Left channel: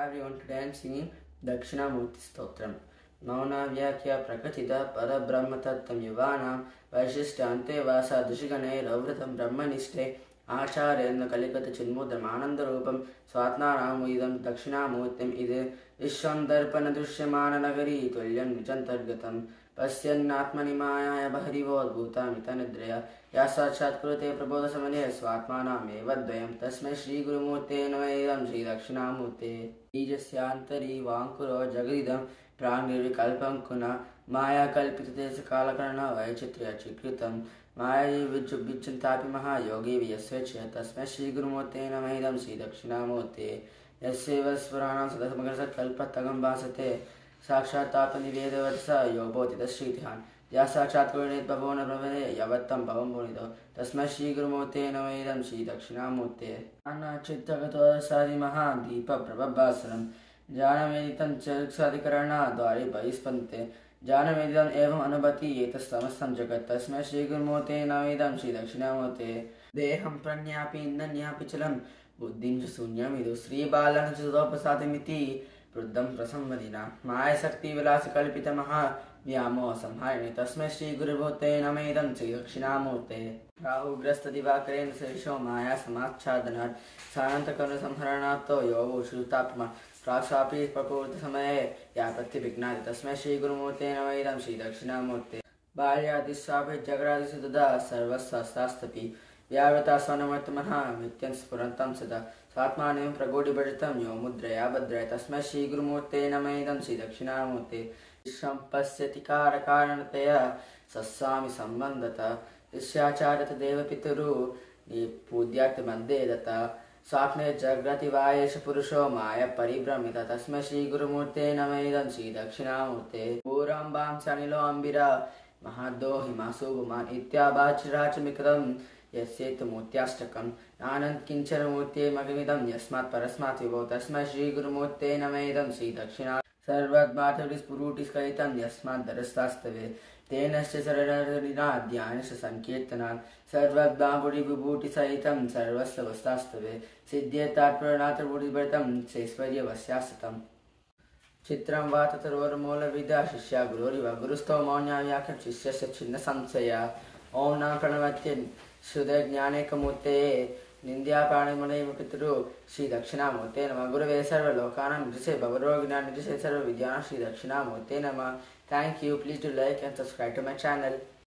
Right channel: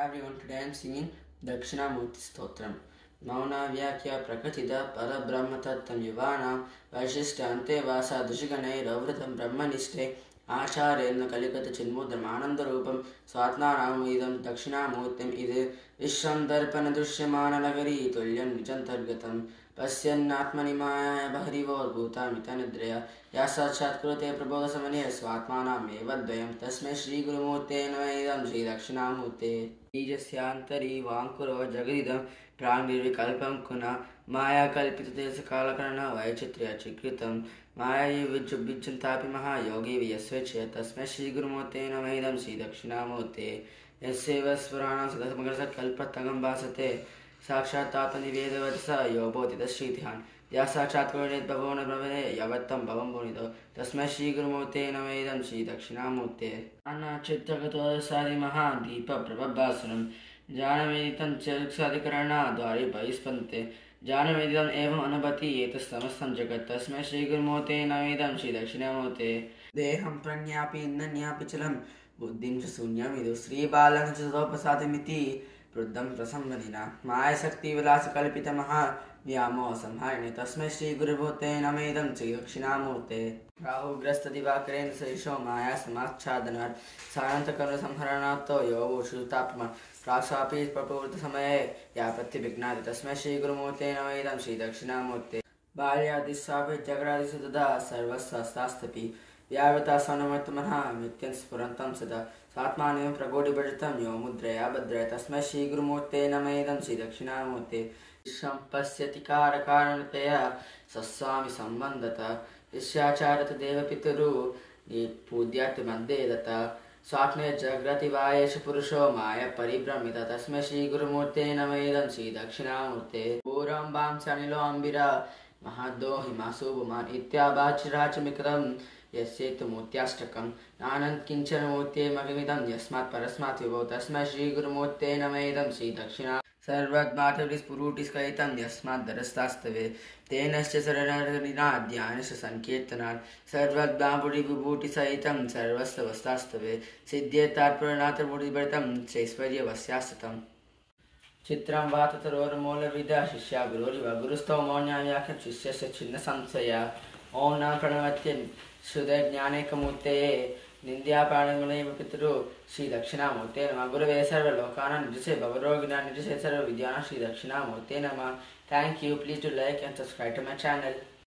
Hi everyone, today I am singing Dakshinamurti Stotram. Mauna Vyakya Prakatita Parabrahma Tattam Yuvana Vaishistante Vasa Dushigane Ravratam Brahmaniste Acharya Kalikata Chinmudram Ananda Rupam Swatna Ramuidam Dakshinamurtim Ide Vishwam Darpana Dushyamana Nagari Tulyan Vijantargatam Pasyannatmani Maya Baharivo Bhutamita या साक्षात् कुरुते प्रबोधसमने स्वात्मानामेव द्वयं तस्मै श्रीगुरुमूर्ते नमः श्री दक्षिणामूर्ते बीजस्यान्तरी वाङ्कुरो जगदिदं प्राङ्निर्विकल्पं कुना मायाकल्पितदेशकालकरण वैचित्र्यचिकृतं मायैव विज्जुभिज्जन्तापि महायोगी यस्वेच्छया तस्मै श्रीगुरुमूर्ते नमः श्री दक्षिणामूर्ते यस्यैव स्फुराणां सदसमग्रसकल्पतगं भासते साक्षात्तात्मनिवेदवत्स यो बोधितश्रीध्यान् या साक्षात् भवो न भवने यावत्तं भवं भुनितो तस्मै श्रीगुरुमूर्ते नमः श्री दक्षिणामूर्ते अन्नचित्तगतोदसादिमहान् दीपप्रभभासुरं जानवेदितं चक्षुरादिकरणाद्वारे बहिस्पन्दते जानवेदितम् एवम् अनुभवति एतत्समस्तं जगत् तस्मै श्रीगुरुमूर्ते नमः श्री दक्षिणामूर्ते देहं प्रज्ञापि नन्यापि चलं बुद्धिं च शून्यमिदु श्रीबालं च सदोपसादिमिति वृद्धं प्रसंवदिना मायाशक्तिविलासकल्पितमहा व्यामोह संहारिणे तस्मै श्रीगुरुमूर्ते नमः श्री दक्षिणामूर्ते राहुग्रस्तदिवाकरेण सहिषो माया समाच्छादनात् सानन्तकर्णसंहरणार्थो योगो श्रुतात्मा प्राक्शापि प्रपूर्तसमये यापत्यविघ्नाति तस्मै श्रीगुरुमूर्ते नमः श्री दक्षिणामूर्ते बाल्यादिस्वापि जगरादिषु तदा सर्वस्वास्तास्तपि व्यावृता स्वनमर्तमनः नित्यं स्फुरन्तं सदा स्वात्मानं प्रगोढिभजितं यो मुद्रया भद्रया तस्मै श्रीगुरुमूर्ते नमः श्री दक्षिणामूर्ते विश्वं पश्यति कारकारणतया सस्वामि सम्बन्धतः शिष्याचार्यत देवपितरु पूज्यार्थमध्ये दत्तः स्वाप्ने जाग्रति वा एष पुरुषो माया परिभ्रमितः तस्मै श्रीगुरुमूर्ते नमः श्री दक्षिणामूर्ते पूर्वं वांस्यानिलो अम्बिरा महद्दो हिमासुभुमान् इत्याभाचिराचमिकृतं यस्येतमूर्त्याष्टकम् नानन्त किञ्चन मूर्ते मगमिदं यस्मात् परस्मात् विभो तस्मै श्रीगुरुमूर्ते नमः श्री दक्षिणा सर्वद्मातविस्फुरुटिस्कलितं यस्माद्धरस्तास्तवे तेनश्च शरणनिनाद्यानश्च सङ्कीर्तनात् सर्वद्मापुरिविभूतिसहितं सर्वस्वस्तास्तवे सिद्ध्येतात्पुरनाथपुरिभरितं चैश्वर्यवस्यास्तम् चित्रं वा ततरोर्मूलविदा शिष्या गुरोरिव गुरुस्थो मौन्याव्याख्य शिष्यस्य छिन्नसंशया ॐ न प्रणवत्य श्रुतज्ञानैकमूर्ते निन्द्यापाणिमुनैव पितरु श्री दक्षिणामूर्ते नमः गुरवे सर्वलोकानां निजसे भवरोगिणां निजसे सर्वविद्यानां श्री दक्षिणामूर्ते नमः. Thank you. Please do like and subscribe to my channel.